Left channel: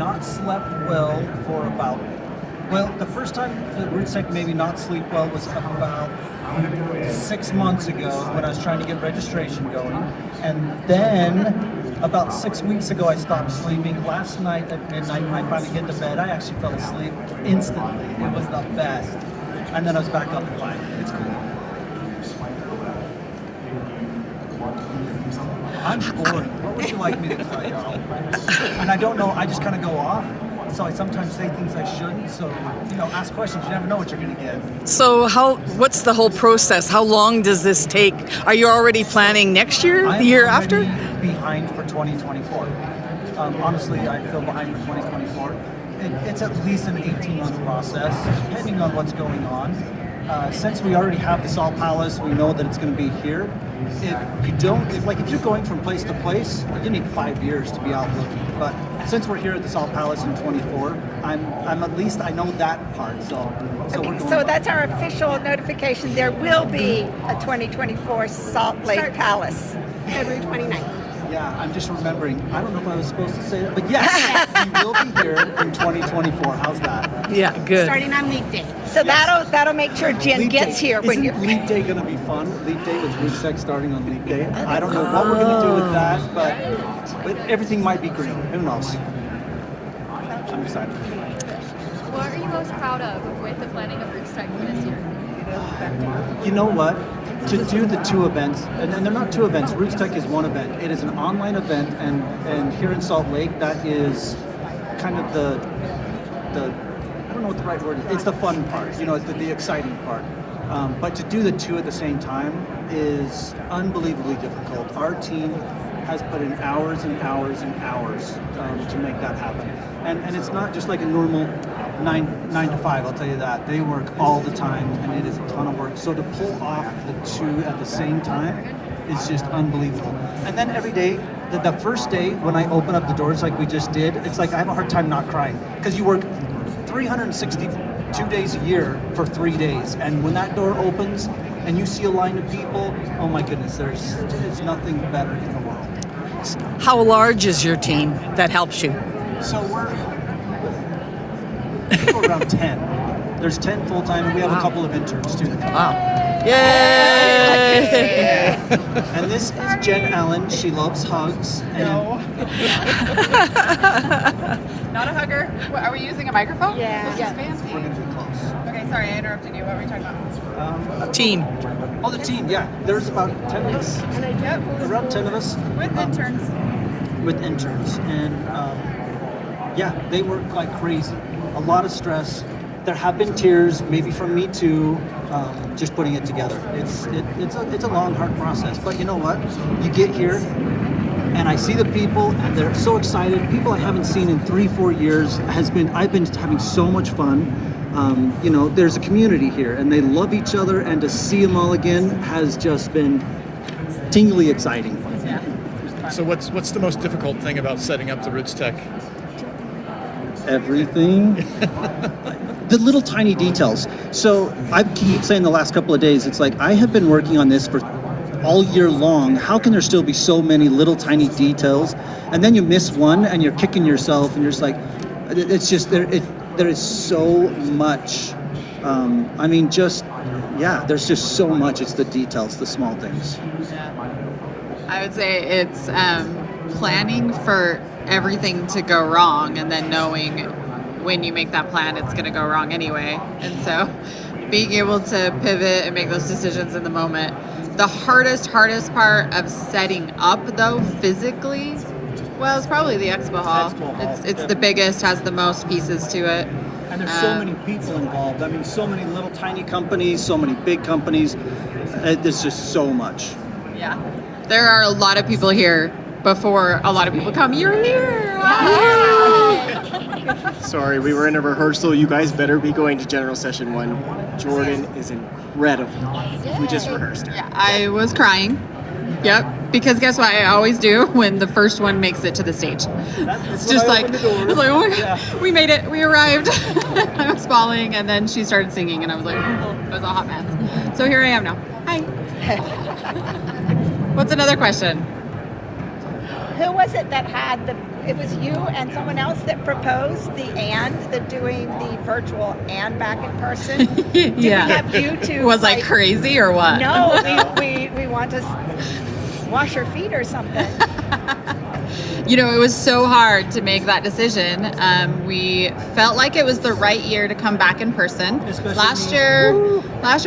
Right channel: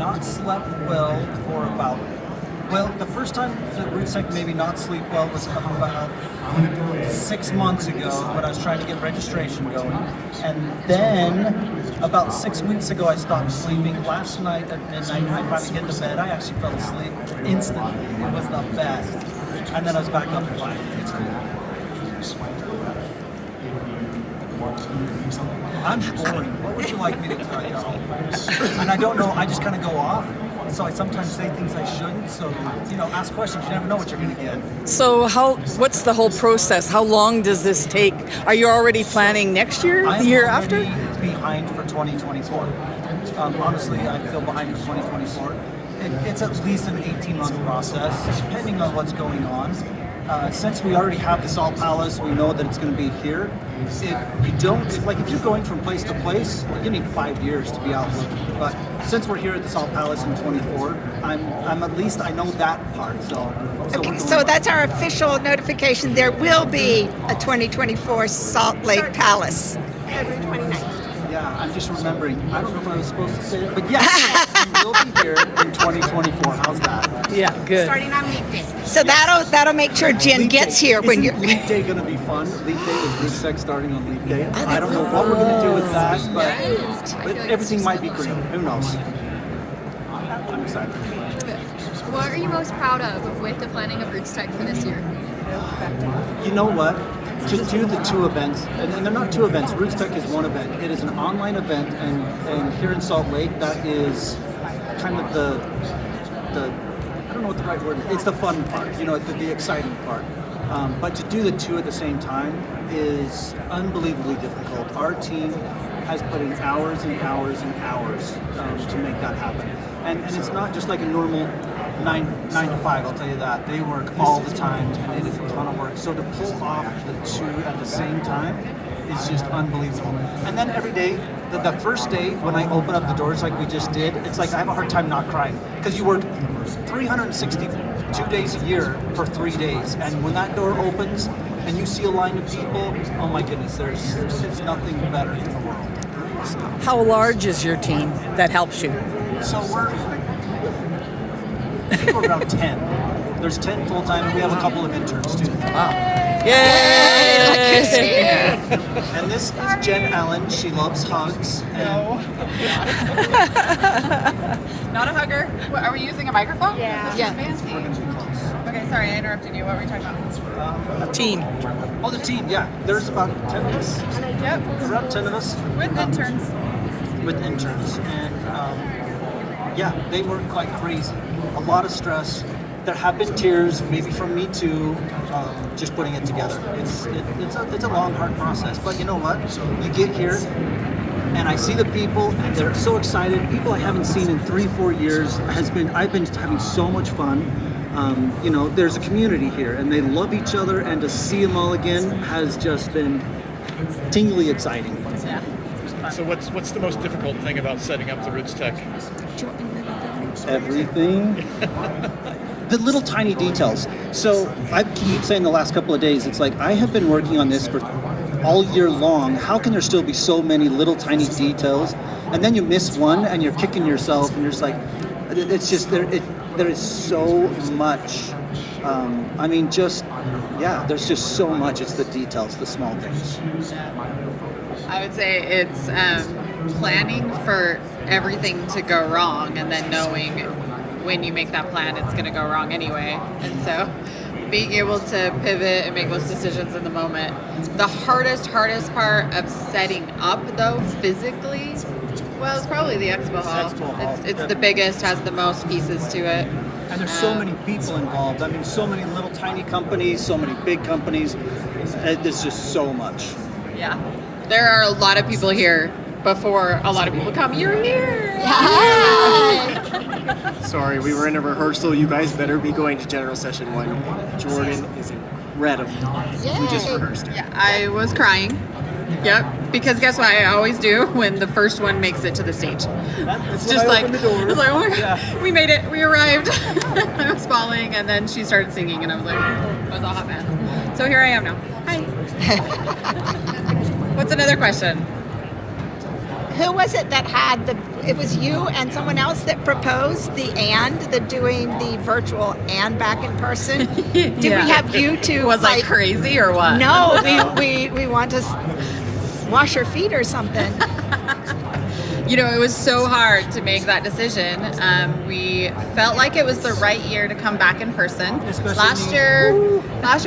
not slept well for about, the first time the RootsTech made me not sleep well was about 6 months ago when I was trying to get registration going. And then about 6 weeks ago, I stopped sleeping. Last night at midnight, when I finally hit the bed, I actually fell asleep instantly. It was the best. And then I was back up at 5. It's cool. I'm boring. What would you like me to tell you? And I don't know, I just kind of go off. So I sometimes say things I shouldn't. So, ask questions. You never know what you're going to get. So what's the whole process? How long does this take? Are you already planning next year, the year after? I'm behind for 2024. Honestly, I feel behind for 2024. It's at least an 18-month process, depending on what's going on. Since we already have the Salt Palace, we know that it's going to be here. If you're going from place to place, you need 5 years to be out looking. But since we're here at the Salt Palace in 24, I'm at least, I know that part. So that's our official notification. There will be a 2024 Salt Lake Palace. February 29th. Yeah, I'm just remembering. I don't know if I was supposed to say it, but yes, we will be here in 2024. How's that? Yeah, good. Starting on Leap Day. So that'll make sure Jen gets here when you're. Isn't Leap Day going to be fun? Leap Day with RootsTech starting on Leap Day. I don't know what we're going to do with that, but everything might be green. Who knows? I'm excited. What are you most proud of with the planning of RootsTech for this year? You know what? To do the 2 events, and they're not 2 events, RootsTech is 1 event. It is an online event, and here in Salt Lake, that is kind of the I don't know what the right word is. It's the fun part, the exciting part. But to do the 2 at the same time is unbelievably difficult. Our team has put in hours and hours and hours to make that happen. And it's not just like a normal 9 to 5, I'll tell you that. They work all the time, and it is a ton of work. So to pull off the 2 at the same time is just unbelievable. And then every day, the first day when I open up the doors like we just did, it's like I have a hard time not crying. Because you work 362 days a year for 3 days. And when that door opens and you see a line of people, oh my goodness, there's nothing better in the world. How large is your team that helps you? So I think we're around 10. There's 10 full-time, and we have a couple of interns too. Wow. Yay! And this is Jen Ellen. She loves hugs. No. Not a hugger. What, are we using a microphone? Yeah. This is fancy. We're going to be close. Okay, sorry, I interrupted you. What were we talking about? Team. Oh, the team, yeah. There's about 10 of us. Yep. Around 10 of us. With interns. With interns. And they work like crazy. A lot of stress. There have been tears, maybe from me too, just putting it together. It's a long, hard process. But you know what? You get here, and I see the people, and they're so excited. People I haven't seen in 3-4 years. I've been having so much fun. There's a community here, and they love each other, and to see them all again has just been tingly exciting. Yeah. So what's the most difficult thing about setting up the RootsTech? Everything. The little tiny details. So I keep saying the last couple of days, it's like I have been working on this for all year long. How can there still be so many little tiny details? And then you miss one and you're kicking yourself and you're just like, it's just, there is so much. There's just so much. It's the details, the small things. Yeah. I would say it's planning for everything to go wrong and then knowing when you make that plan it's going to go wrong anyway, and so being able to pivot and make those decisions in the moment. The hardest part of setting up though physically, well, it's probably the expo hall. It's the biggest, has the most pieces to it, and there's so many people involved. I mean, so many little tiny companies, so many big companies. There's just so much. Yeah, there are a lot of people here before a lot of people come. You're here. Sorry, we were in a rehearsal. You guys better be going to General Session 1. Jordan is incredible. We just rehearsed it. Yeah, I was crying. Yep, because guess what I always do when the first one makes it to the stage? It's just like, opened the door. I was like, oh my God, we made it, we arrived. I was falling, and then she started singing, and I was like, I was a hot mess. So here I am now. Hi. What's another question? Who was it that had it was you and someone else that proposed the doing the virtual and back in person? Did we have you two? Was I crazy or what? No, we want to wash your feet or something. You know, it was so hard to make that decision. We felt like it was the right year to come back in person. Especially last year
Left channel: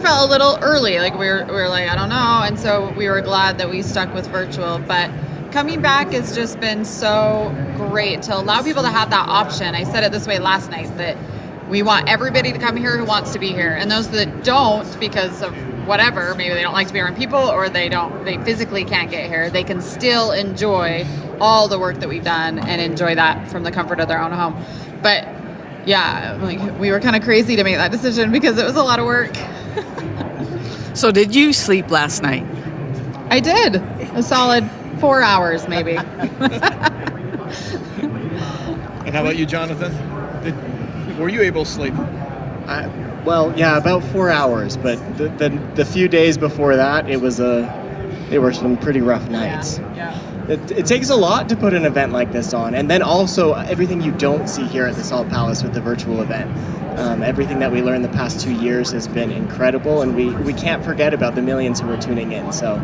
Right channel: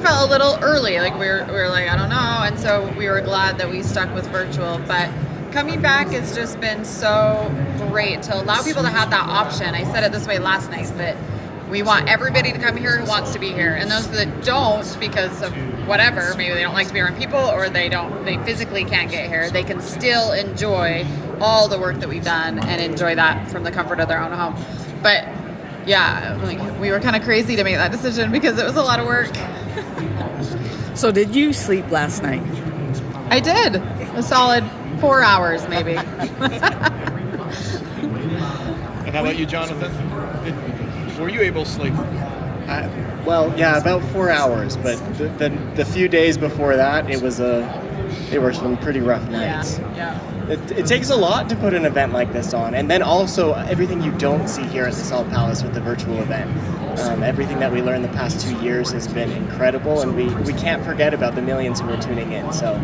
felt a little early. Like we were like, I don't know. And so we were glad that we stuck with virtual. But coming back has just been so great to allow people to have that option. I said it this way last night, that we want everybody to come here who wants to be here. And those that don't, because of whatever, maybe they don't like to be around people, or they physically can't get here, they can still enjoy all the work that we've done and enjoy that from the comfort of their own home. But yeah, like, we were kind of crazy to make that decision because it was a lot of work. So did you sleep last night? I did. A solid 4 hours, maybe. And how about you, Jonathan? Were you able to sleep? Well, yeah, about 4 hours, but the few days before that, they were some pretty rough nights. Yeah. It takes a lot to put an event like this on, and then also everything you don't see here at the Salt Palace with the virtual event. Everything that we learned the past 2 years has been incredible, and we can't forget about the millions who are tuning in. So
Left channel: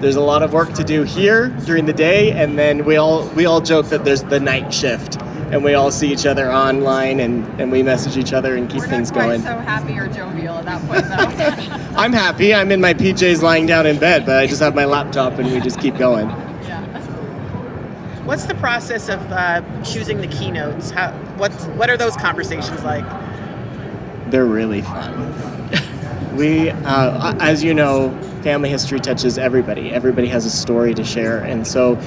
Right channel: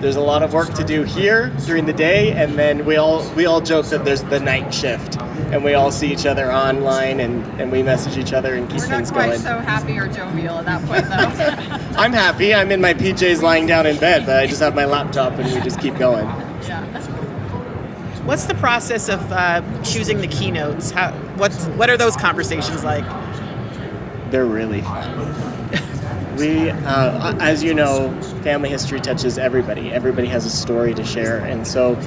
there's a lot of work to do here during the day, and then we all joke that there's the night shift, and we all see each other online, and we message each other and keep things going. We're not quite so happy or jovial at that point, though. I'm happy. I'm in my PJs lying down in bed, but I just have my laptop, and we just keep going. Yeah. What's the process of choosing the keynotes? What are those conversations like? They're really fun. We, as you know, family history touches everybody. Everybody has a story to share, and so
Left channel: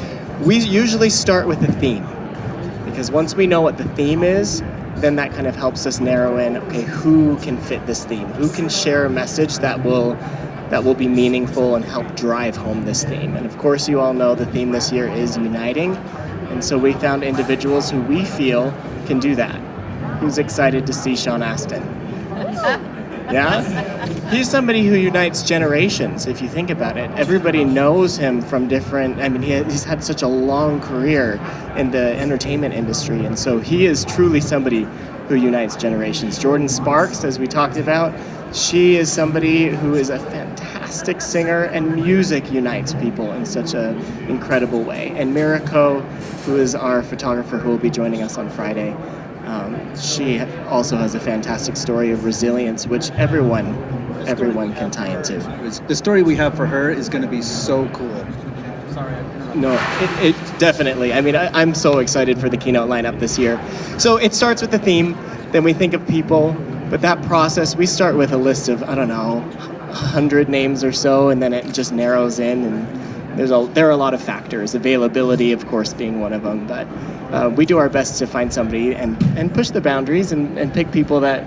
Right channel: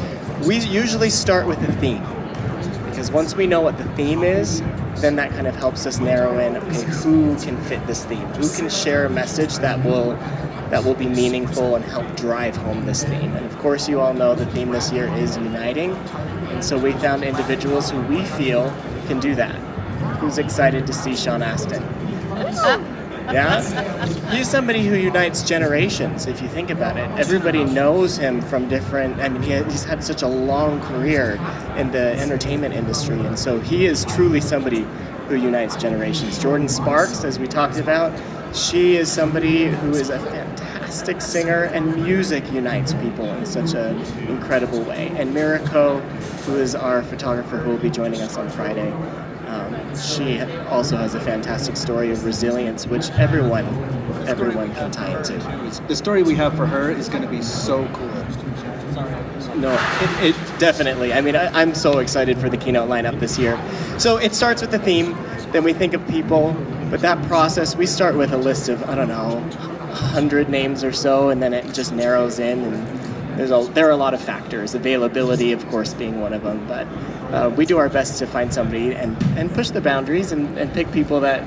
we usually start with a theme, because once we know what the theme is, then that kind of helps us narrow in, okay, who can fit this theme? Who can share a message that will be meaningful and help drive home this theme? And of course, you all know the theme this year is uniting, and so we found individuals who we feel can do that. Who's excited to see Sean Astin? Yeah? He's somebody who unites generations, if you think about it. Everybody knows him from different, he's had such a long career in the entertainment industry, and so he is truly somebody who unites generations. Jordan Sparks, as we talked about, she is somebody who is a fantastic singer, and music unites people in such an incredible way. And Mirako, who is our photographer who will be joining us on Friday, she also has a fantastic story of resilience, which everyone can tie into. The story we have for her is going to be so cool. Sorry. No, it definitely. I'm so excited for the keynote lineup this year. So it starts with the theme, then we think of people, but that process, we start with a list of, 100 names or so, and then it just narrows in, and there are a lot of factors, availability, of course, being one of them, but we do our best to find somebody and push the boundaries and pick people that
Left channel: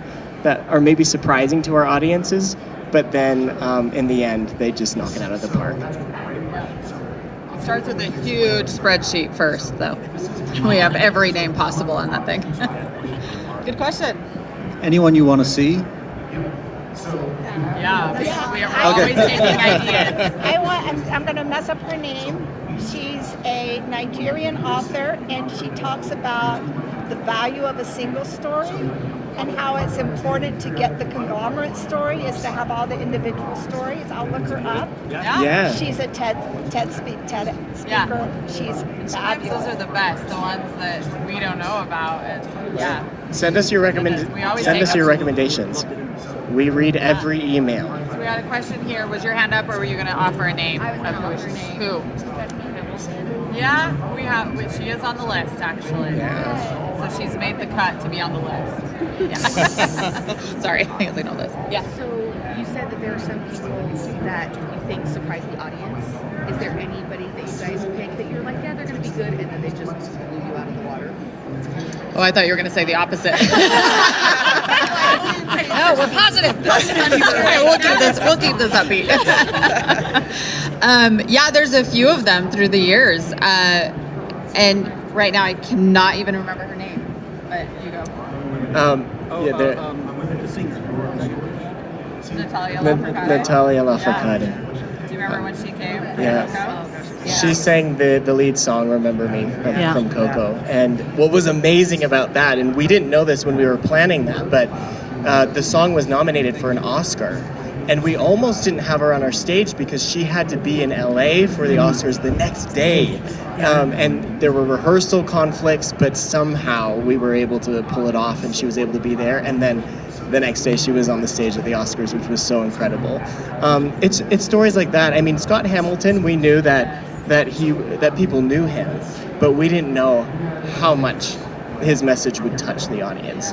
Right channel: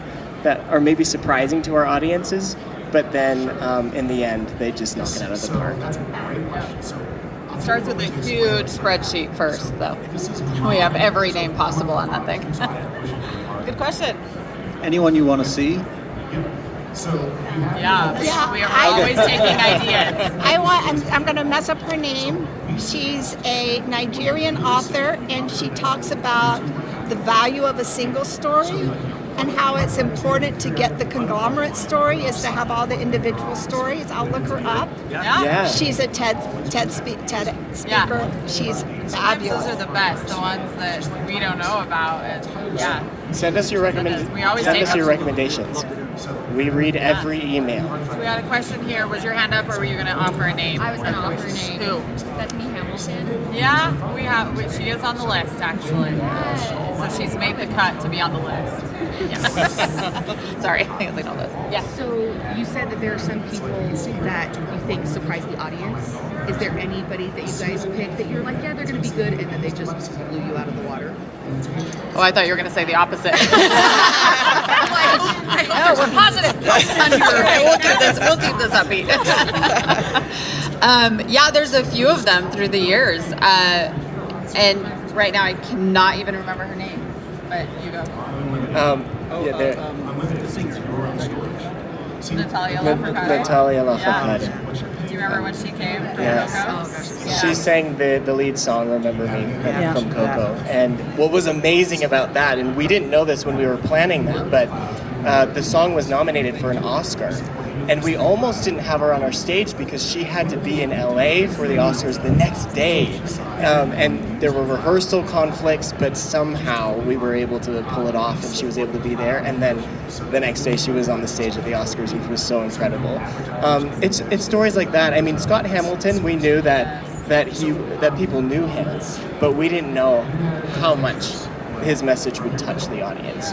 are maybe surprising to our audiences, but then in the end, they just knock it out of the park. It starts with a huge spreadsheet first, though. We have every name possible on that thing. Good question. Anyone you want to see? Yeah. We are always taking ideas. I'm going to mess up her name. She's a Nigerian author, and she talks about the value of a single story and how it's important to get the conglomerate story is to have all the individual stories. I'll look her up. Yeah. She's a TED speaker. Yeah. She's fabulous. Those are the best, the ones that we don't know about. And yeah. Send us your recommendations. We read every email. So we got a question here. Was your hand up, or were you going to offer a name? I was going to offer a name. Who? Bethany Hamilton. Yeah, we have. She is on the list, actually. Yeah. So she's made the cut to be on the list. Yeah. Sorry, I think I know this. Yeah. So you said that there are some people that you think surprise the audience. Is there anybody that you guys picked that you're like, yeah, they're going to be good, and then they just blew you out of the water? Oh, I thought you were going to say the opposite. No, we're positive. Okay, we'll keep this upbeat. Yeah, there's a few of them through the years. And right now I cannot even remember her name. But you go. The singer. Natalia Lafourcade. Natalia Lafourcade. Do you remember when she came from Yes. Coco? She sang the lead song "Remember Me" from Coco, and what was amazing about that, and we didn't know this when we were planning that, but the song was nominated for an Oscar. And we almost didn't have her on our stage because she had to be in LA for the Oscars the next day. And there were rehearsal conflicts, but somehow we were able to pull it off and she was able to be there. And then the next day she was on the stage at the Oscars, which was so incredible. It's stories like that. I mean, Scott Hamilton, we knew that people knew him, but we didn't know how much his message would touch the audience.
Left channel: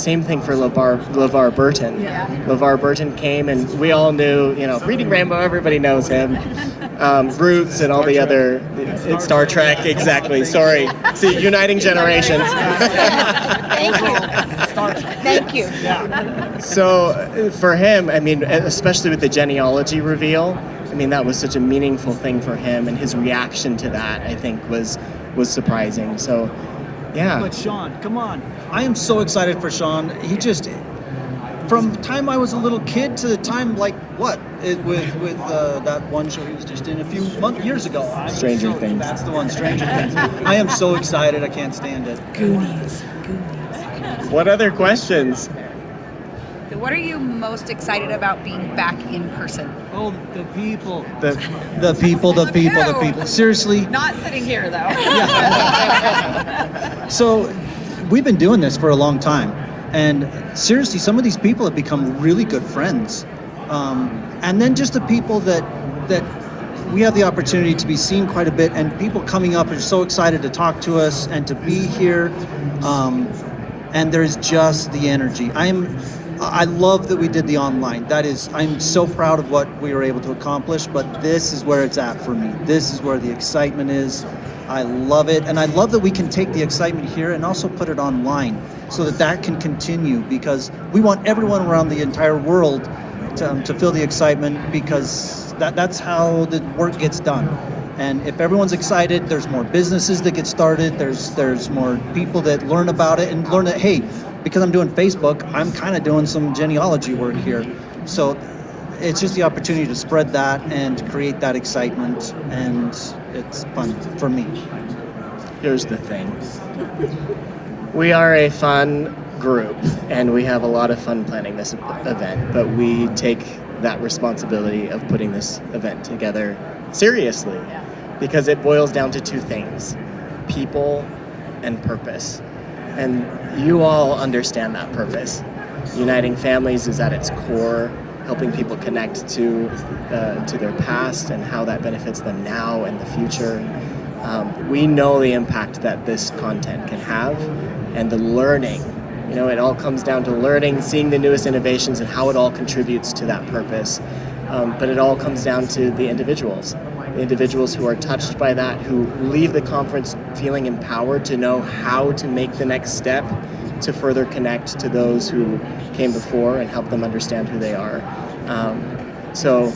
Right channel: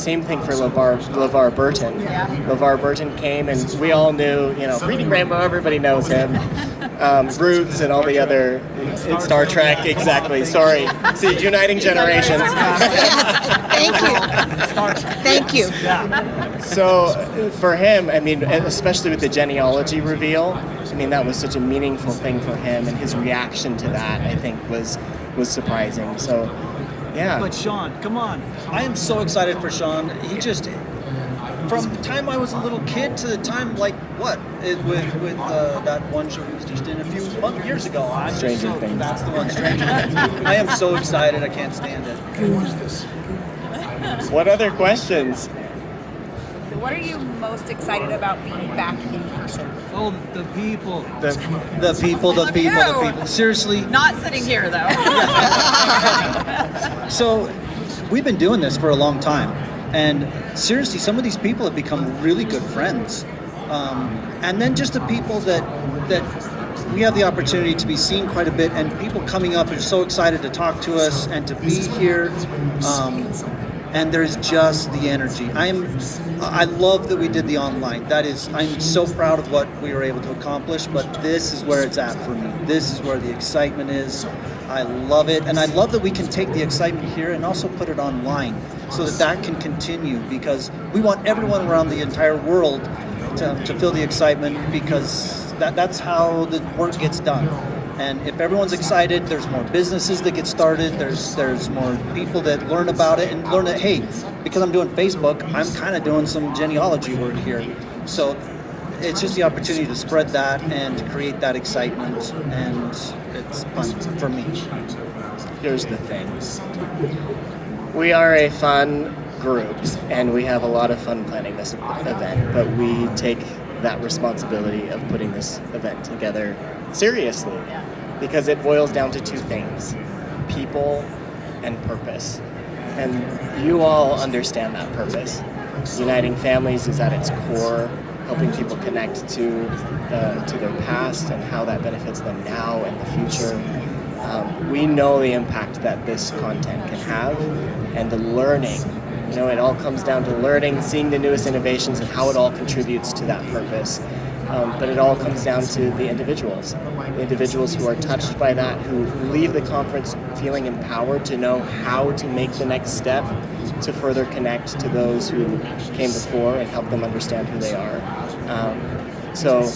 Same thing for LeVar Burton. Yeah. LeVar Burton came, and we all knew, Reading Rainbow, everybody knows him. Roots and all the other Star Trek, exactly. Sorry, see, uniting generations. Thank you. Thank you. So for him, I mean, especially with the genealogy reveal, I mean, that was such a meaningful thing for him, and his reaction to that, I think, was surprising. So. Yeah. But Sean, come on. I am so excited for Sean. He just, from the time I was a little kid to the time, with that one show he was just in a few years ago. Stranger Things. That's the one, Stranger Things. I am so excited. I can't stand it. Goonies. What other questions? What are you most excited about being back in person? Oh, the people. The people. Seriously. Not sitting here, though. So, we've been doing this for a long time, and seriously, some of these people have become really good friends. And then just the people that we have the opportunity to be seen quite a bit, and people coming up are so excited to talk to us and to be here. And there's just the energy. I love that we did the online. I'm so proud of what we were able to accomplish, but this is where it's at for me. This is where the excitement is. I love it. And I love that we can take the excitement here and also put it online so that can continue, because we want everyone around the entire world to feel the excitement, because that's how the work gets done. And if everyone's excited, there's more businesses that get started, there's more people that learn about it and learn that, hey, because I'm doing Facebook, I'm kind of doing some genealogy work here. So it's just the opportunity to spread that and create that excitement, and it's fun for me. Here's the thing. We are a fun group, and we have a lot of fun planning this event, but we take that responsibility of putting this event together seriously, because it boils down to two things: people and purpose. And you all understand that purpose. Uniting families is at its core, helping people connect to their past and how that benefits them now and the future. We know the impact that this content can have, and the learning. It all comes down to learning, seeing the newest innovations and how it all contributes to that purpose. But it all comes down to the individuals who are touched by that, who leave the conference feeling empowered to know how to make the next step to further connect to those who came before and help them understand who they are. So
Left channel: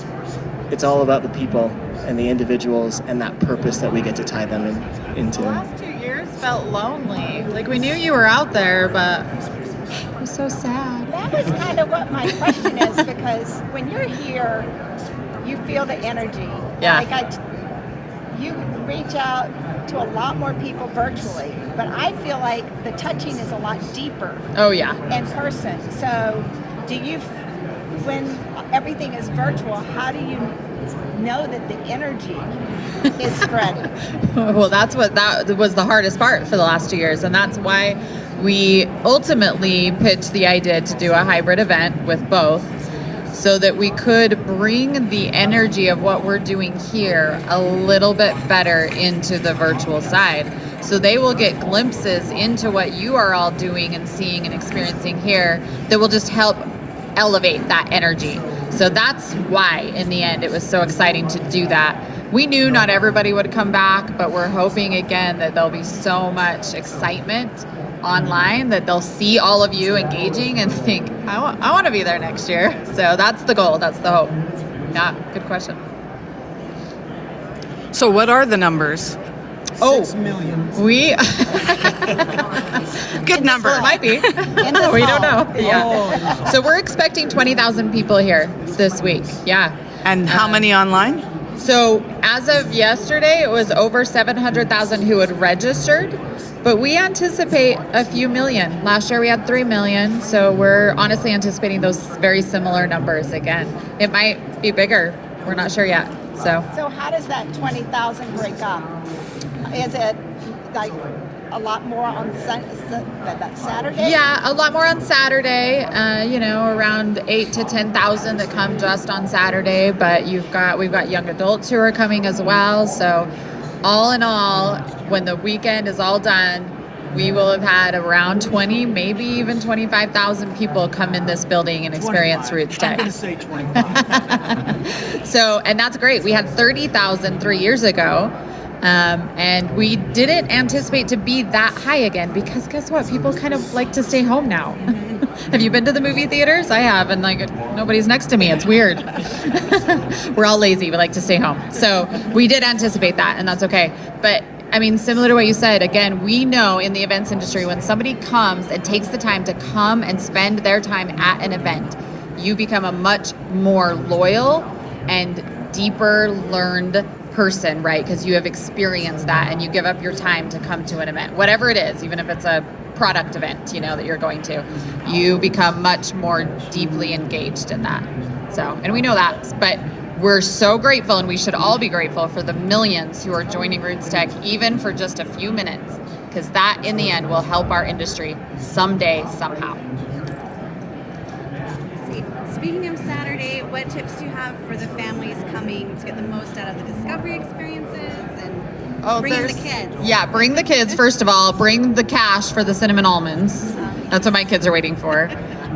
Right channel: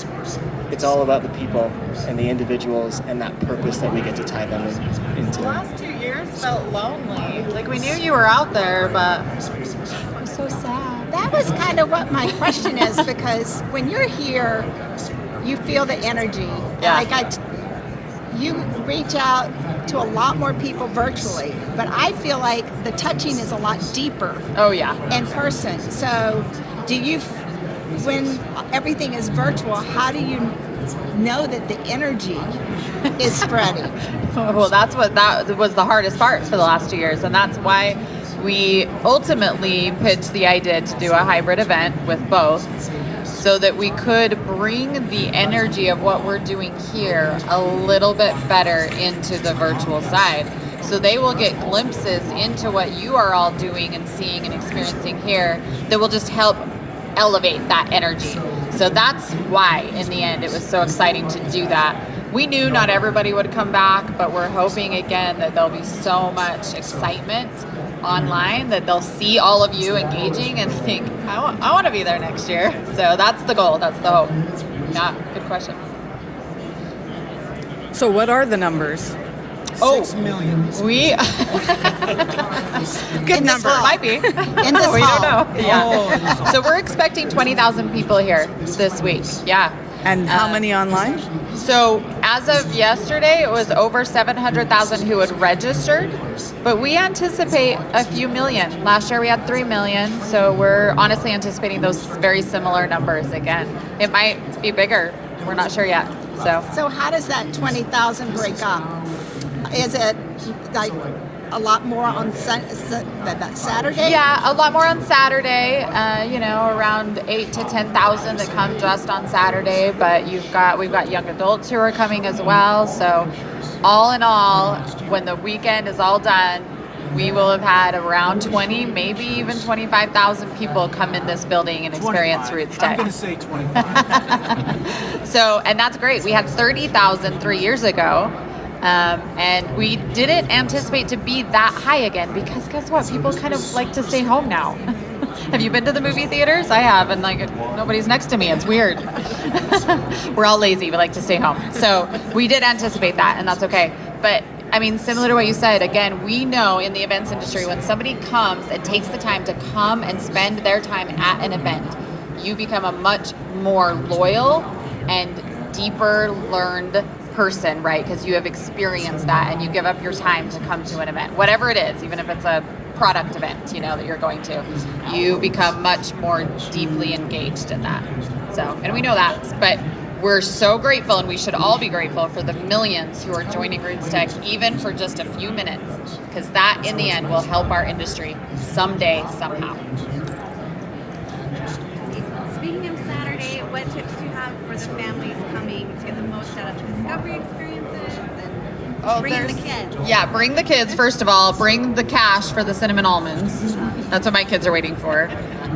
it's all about the people and the individuals and that purpose that we get to tie them into. The last 2 years felt lonely. Like, we knew you were out there, but it was so sad. That was kind of what my question is, because when you're here, you feel the energy. Yeah. You reach out to a lot more people virtually, but I feel like the touching is a lot deeper. Oh, yeah. In person. So when everything is virtual, how do you know that the energy is spreading? Well, that was the hardest part for the last 2 years, and that's why we ultimately pitched the idea to do a hybrid event with both, so that we could bring the energy of what we're doing here a little bit better into the virtual side. So they will get glimpses into what you are all doing and seeing and experiencing here that will just help elevate that energy. So that's why, in the end, it was so exciting to do that. We knew not everybody would come back, but we're hoping, again, that there'll be so much excitement online that they'll see all of you engaging and think, I want to be there next year. So that's the goal. That's the hope. Yeah, good question. So what are the numbers? 6 million. We Good number. It might be. In this We hall. don't know. Yeah. So we're expecting 20,000 people here this week. Yeah. And how many online? So as of yesterday, it was over 700,000 who had registered, but we anticipate a few million. Last year we had 3 million, so we're honestly anticipating those very similar numbers again. It might be bigger. We're not sure yet. So how does that 20,000 break up? Is it like a lot more on that Saturday? Yeah, a lot more on Saturday. Around 8 to 10,000 that come just on Saturday. But we've got young adults who are coming as well. So, all in all, when the weekend is all done, we will have had around 20, maybe even 25,000 people come in this building and experience 25. RootsTech. I'm going to say 25. So, and that's great. We had 30,000 3 years ago. And we didn't anticipate to be that high again because guess what? People kind of like to stay home now. Have you been to the movie theaters? I have, and nobody's next to me. It's weird. We're all lazy. We like to stay home. So we did anticipate that, and that's okay. But I mean, similar to what you said, again, we know in the events industry when somebody comes and takes the time to come and spend their time at an event, you become a much more loyal and deeper learned person, right? Because you have experienced that and you give up your time to come to an event, whatever it is, even if it's a product event, that you're going to, you become much more deeply engaged in that. So, and we know that, but we're so grateful, and we should all be grateful for the millions who are joining RootsTech, even for just a few minutes, because that in the end will help our industry someday, somehow. Speaking of Saturday, what tips do you have for the families coming to get the most out of the discovery experiences and bringing the kids? Yeah, bring the kids, first of all. Bring the cash for the cinnamon almonds. That's what my kids are waiting for.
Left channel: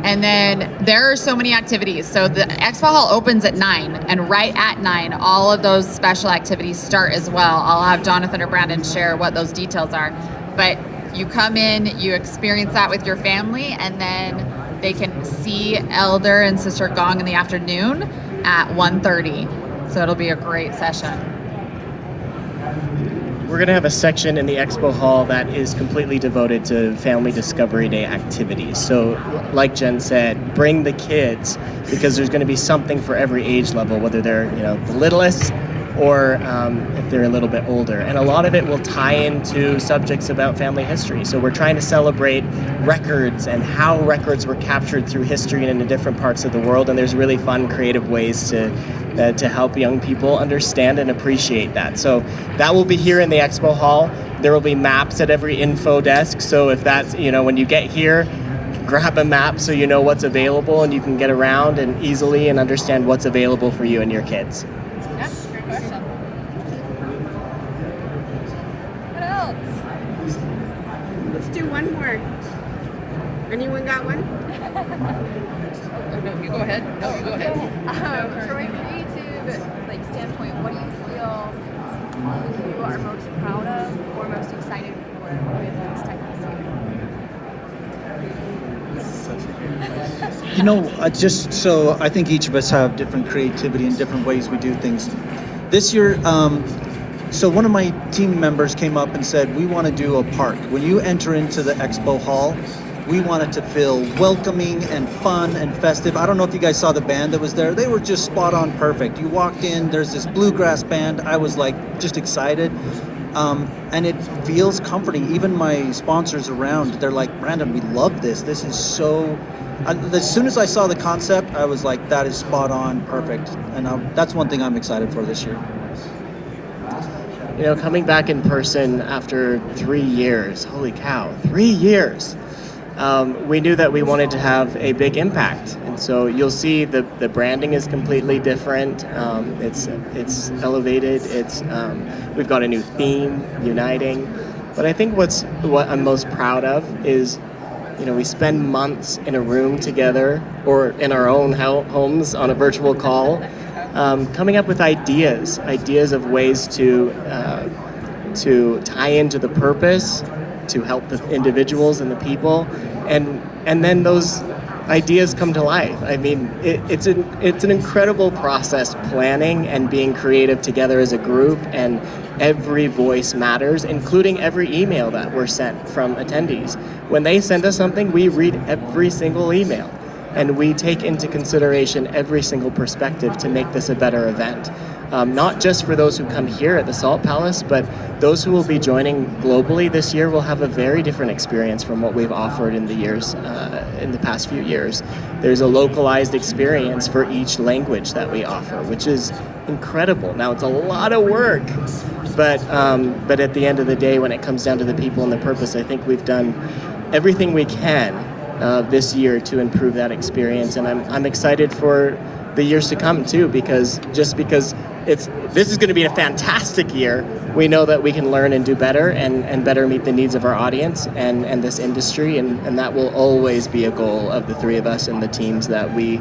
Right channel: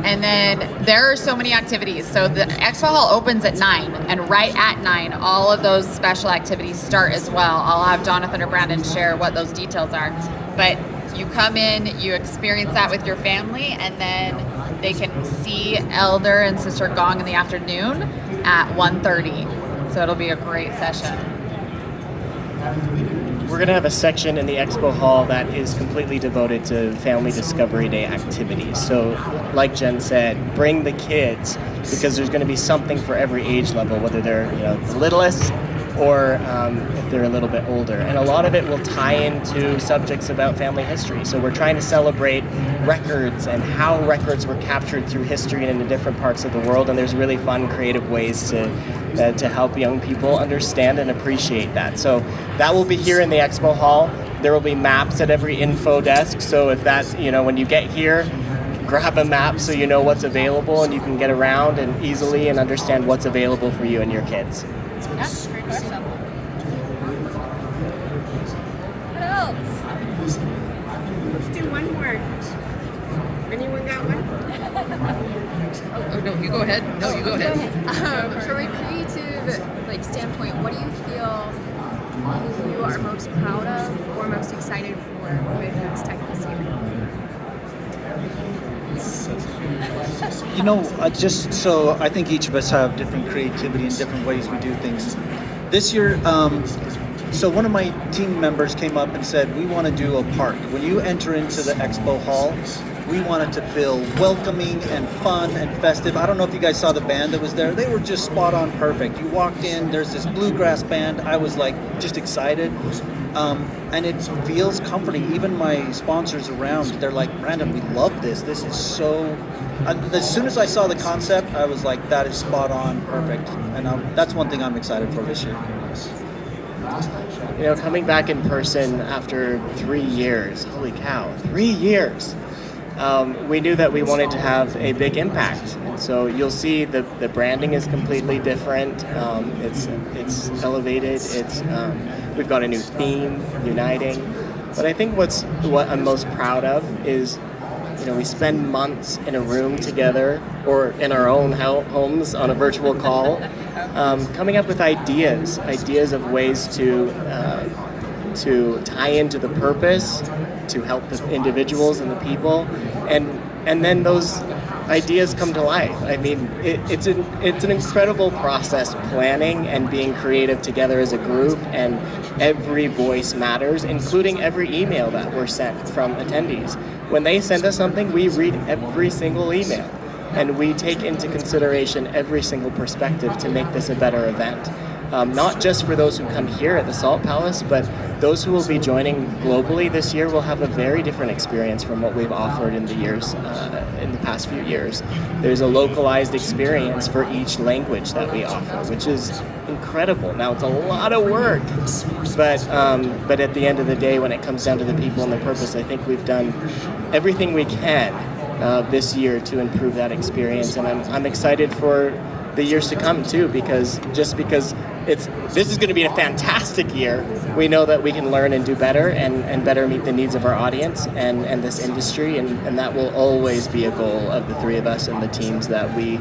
And then there are so many activities. So the expo hall opens at 9, and right at 9, all of those special activities start as well. I'll have Jonathan or Brandon share what those details are. But you come in, you experience that with your family, and then they can see Elder and Sister Gong in the afternoon at 1:30. So it'll be a great session. We're going to have a section in the expo hall that is completely devoted to Family Discovery Day activities. So, like Jen said, bring the kids because there's going to be something for every age level, whether they're the littlest or if they're a little bit older. And a lot of it will tie into subjects about family history. So we're trying to celebrate records and how records were captured through history and in different parts of the world. And there's really fun, creative ways to help young people understand and appreciate that. So that will be here in the expo hall. There will be maps at every info desk. So if that's, when you get here, grab a map so you know what's available and you can get around and easily and understand what's available for you and your kids. Yeah, great question. What else? Let's do one more. Anyone got one? No, you go ahead. From a creative standpoint, what do you feel you are most proud of or most excited for with RootsTech this year? I think each of us have different creativity and different ways we do things. This year, so one of my team members came up and said, we want to do a park. When you enter into the expo hall, we want it to feel welcoming and fun and festive. I don't know if you guys saw the band that was there. They were just spot on perfect. You walked in, there's this bluegrass band. I was just excited. And it feels comforting. Even my sponsors around, they're like, Brandon, we love this. This is so... as soon as I saw the concept, I was like, that is spot on, perfect. And that's one thing I'm excited for this year. Coming back in person after 3 years, holy cow, 3 years. We knew that we wanted to have a big impact. And so you'll see the branding is completely different. It's elevated. We've got a new theme, uniting. But I think what I'm most proud of is, we spend months in a room together or in our own homes on a virtual call, coming up with ideas of ways to tie into the purpose, to help the individuals and the people, and then those ideas come to life. I mean, it's an incredible process, planning and being creative together as a group, and every voice matters, including every email that we're sent from attendees. When they send us something, we read every single email. and we take into consideration every single perspective to make this a better event. Not just for those who come here at the Salt Palace, but those who will be joining globally this year will have a very different experience from what we've offered in the past few years. There's a localized experience for each language that we offer, which is incredible. Now, it's a lot of work, but at the end of the day, when it comes down to the people and the purpose, I think we've done everything we can this year to improve that experience, and I'm excited for the years to come too, because this is going to be a fantastic year. We know that we can learn and do better and better meet the needs of our audience and this industry, and that will always be a goal of the three of us and the teams that we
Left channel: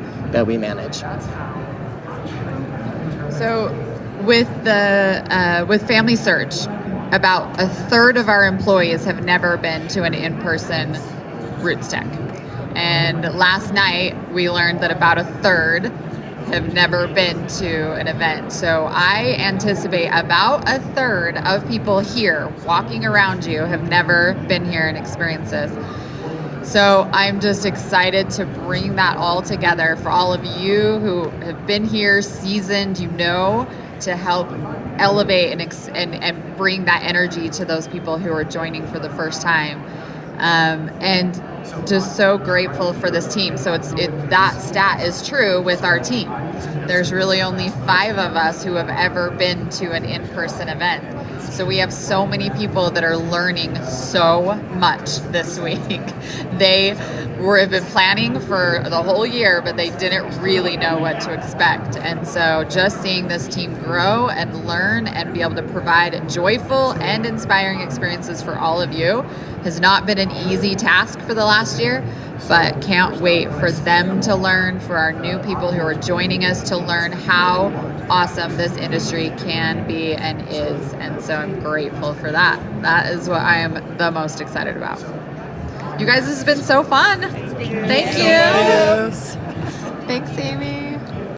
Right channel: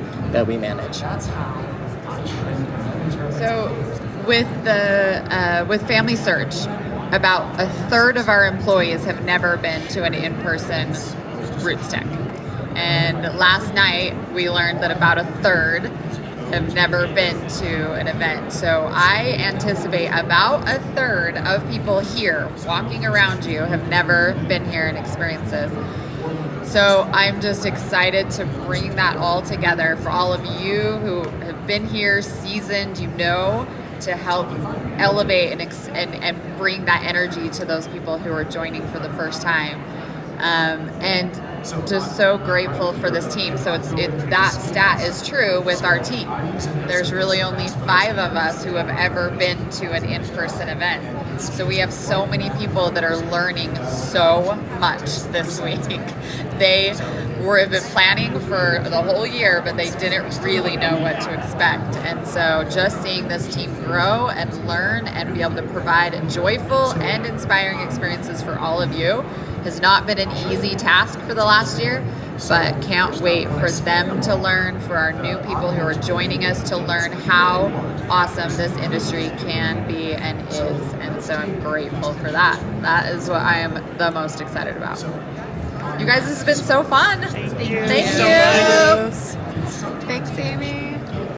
manage. So with Family Search, about a third of our employees have never been to an in-person RootsTech. And last night we learned that about a third have never been to an event. So I anticipate about a third of people here walking around you have never been here and experienced this. So I'm just excited to bring that all together for all of you who have been here, seasoned, to help elevate and bring that energy to those people who are joining for the first time. And just so grateful for this team. So that stat is true with our team. There's really only 5 of us who have ever been to an in-person event. So we have so many people that are learning so much this week. They have been planning for the whole year, but they didn't really know what to expect. And so just seeing this team grow and learn and be able to provide joyful and inspiring experiences for all of you has not been an easy task for the last year, but can't wait for them to learn, for our new people who are joining us to learn how awesome this industry can be and is. And so I'm grateful for that. That is what I am the most excited about. You guys, this has been so fun. Thank you. Thanks, Amy.